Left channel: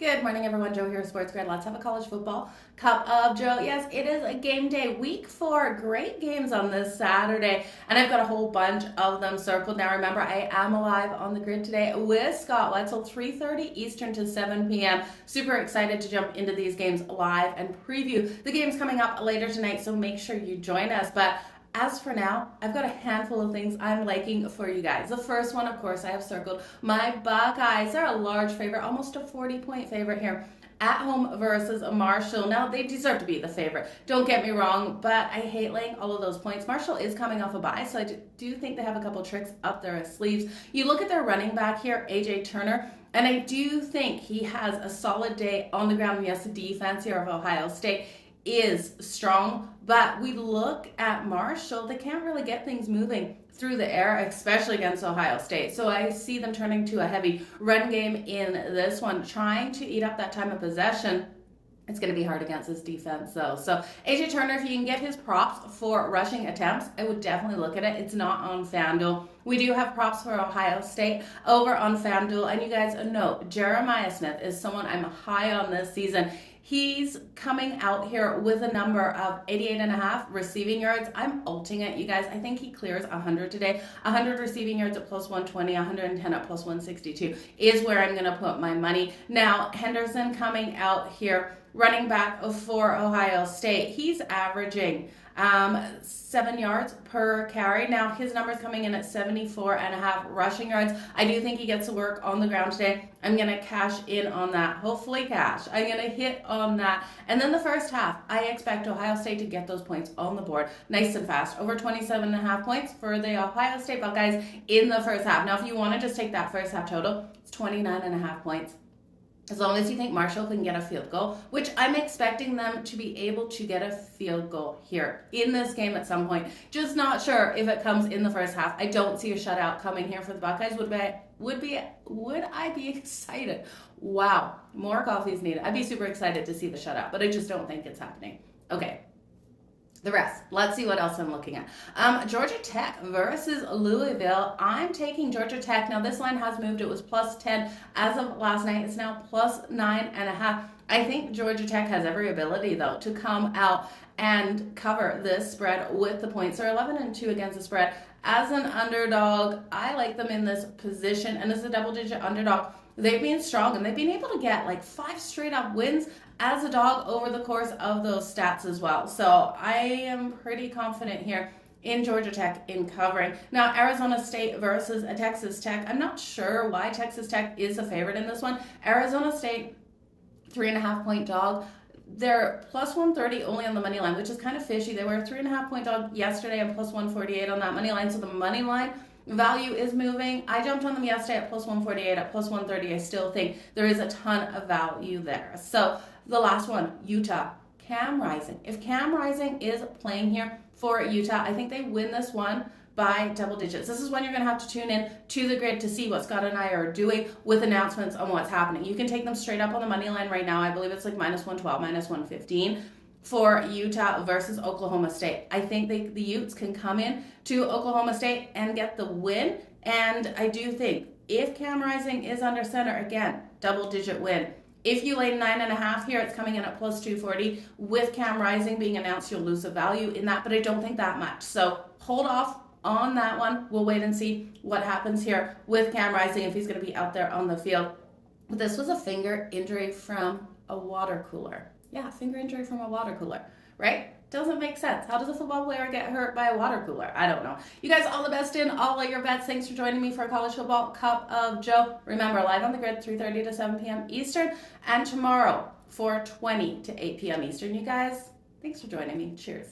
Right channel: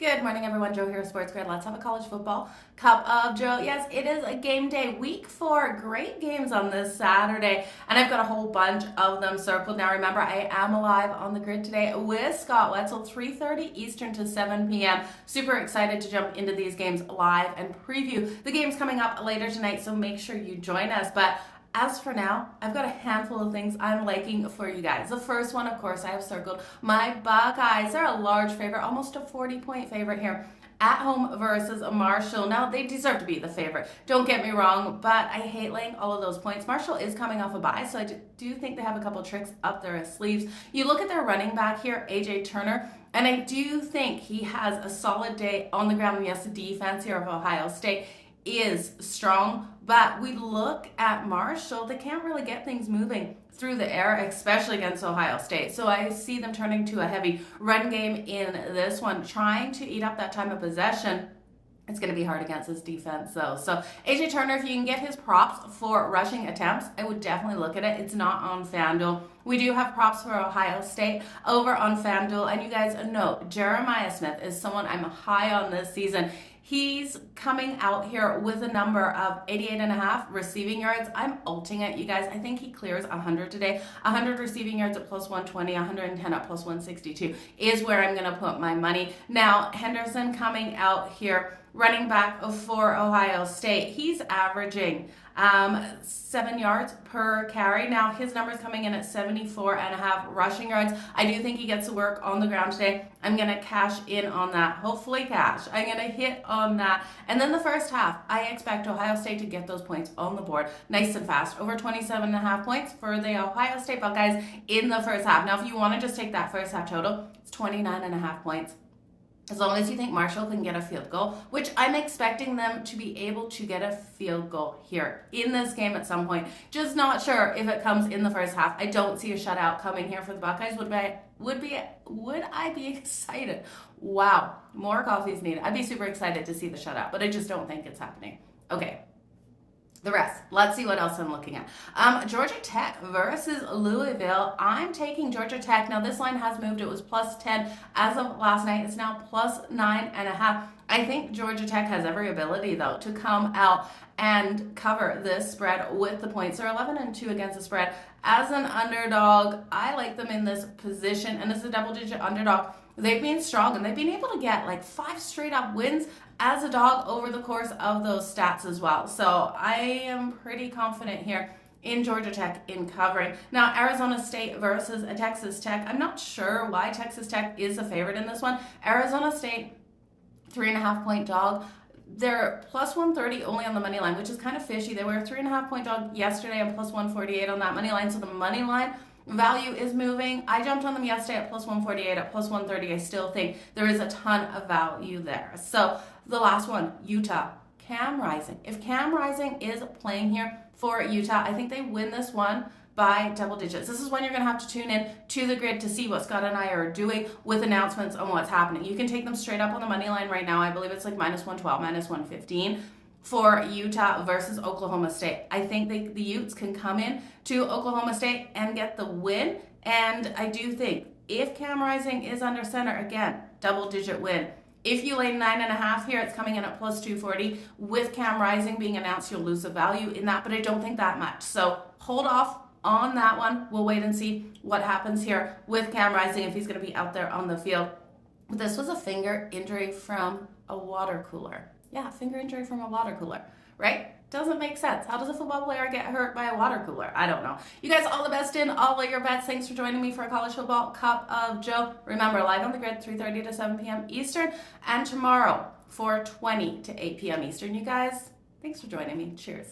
Good morning, everyone. Joe here, SportsGrid. Let's have a college football cup of Joe. Yes, it is a game day, week 4. Great games on this Saturday, and I've got a whole bunch of them circled. Now, remember, I am live on the grid today with Scott Wetzel, 3:30 Eastern to 7 p.m. Super excited to jump into these games live and preview the games coming up later tonight, so make sure you join us. But as for now, I've got a handful of things I'm liking for you guys. The first one, of course, I have circled my Buckeyes. They're a large favorite, almost a 40-point favorite here at home versus Marshall. Now, they deserve to be the favorite. Don't get me wrong, but I hate laying all of those points. Marshall is coming off a bye, so I do think they have a couple tricks up their sleeves. You look at their running back here, A.J. Turner, and I do think he has a solid day on the ground. Yes, the defense here of Ohio State is strong, but we look at Marshall, they can't really get things moving through the air, especially against Ohio State. So I see them turning to a heavy run game in this one, trying to eat up that time of possession. It's going to be hard against this defense, though. So A.J. Turner, if you can get his props for rushing attempts, I would definitely look at it. It's not on FanDuel. We do have props for Ohio State over on FanDuel, and you guys know Jeremiah Smith is someone I'm high on this season. He's coming out here with a number of 88.5 receiving yards. I'm ulting it, you guys. I think he clears 100 today. 100 receiving yards at plus 120, 110 at plus 162 is where I'm going to put my money. Now, Henderson coming out here, running back for Ohio State. He's averaging 7 yards per carry. Now, his number's coming in at 74.5 rushing yards. I do think he gets to work on the ground today. I'm going to cash in on that. Hopefully cash. I'm going to hit on that. And then the first half, I expect Ohio State to get those points on the board nice and fast. Over 27.5 points for the Ohio State Buckeyes in the first half. Now, if you want to just take that first half total, it's 29.5 points. As long as you think Marshall can get a field goal, which I'm expecting them to be able to get a field goal here in this game at some point. Just not sure if it comes in the first half. I don't see a shutout coming here for the Buckeyes. Would I be excited? Wow, more coffee is needed. I'd be super excited to see the shutout, but I just don't think it's happening. Okay. The rest. Let's see what else I'm looking at. Georgia Tech versus Louisville. I'm taking Georgia Tech. Now, this line has moved. It was plus 10 as of last night. It's now plus 9.5. I think Georgia Tech has every ability, though, to come out and cover this spread with the points. They're 11-2 against the spread. As an underdog, I like them in this position. And as a double-digit underdog, they've been strong, and they've been able to get like 5 straight-up wins as a dog over the course of those stats as well. So I am pretty confident here in Georgia Tech in covering. Now, Arizona State versus Texas Tech. I'm not sure why Texas Tech is a favorite in this one. Arizona State, 3.5-point dog. They're plus 130 only on the money line, which is kind of fishy. They were a 3.5-point dog yesterday and plus 148 on that money line. So the money line value is moving. I jumped on them yesterday at plus 148, at plus 130. I still think there is a ton of value there. So the last one, Utah, Cam Rising. If Cam Rising is playing here for Utah, I think they win this one by double digits. This is when you're going to have to tune in to the grid to see what Scott and I are doing with announcements on what's happening. You can take them straight up on the money line right now. I believe it's like minus 112, minus 115 for Utah versus Oklahoma State. I think the Utes can come in to Oklahoma State and get the win. And I do think if Cam Rising is under center, again, double-digit win. If you lay 9.5 here, it's coming in at plus 240. With Cam Rising being announced, you'll lose the value in that, but I don't think that much. So hold off on that one. We'll wait and see what happens here with Cam Rising if he's going to be out there on the field. But this was a finger injury from a water cooler. Yeah, finger injury from a water cooler, right? Doesn't make sense. How does a football player get hurt by a water cooler? I don't know. You guys, all the best in all of your bets. Thanks for joining me for a college football cup of Joe. Remember, live on the grid, 3:30 to 7 p.m. Eastern, and tomorrow, 4:20 to 8 p.m. Eastern. You guys, thanks for joining me. Cheers.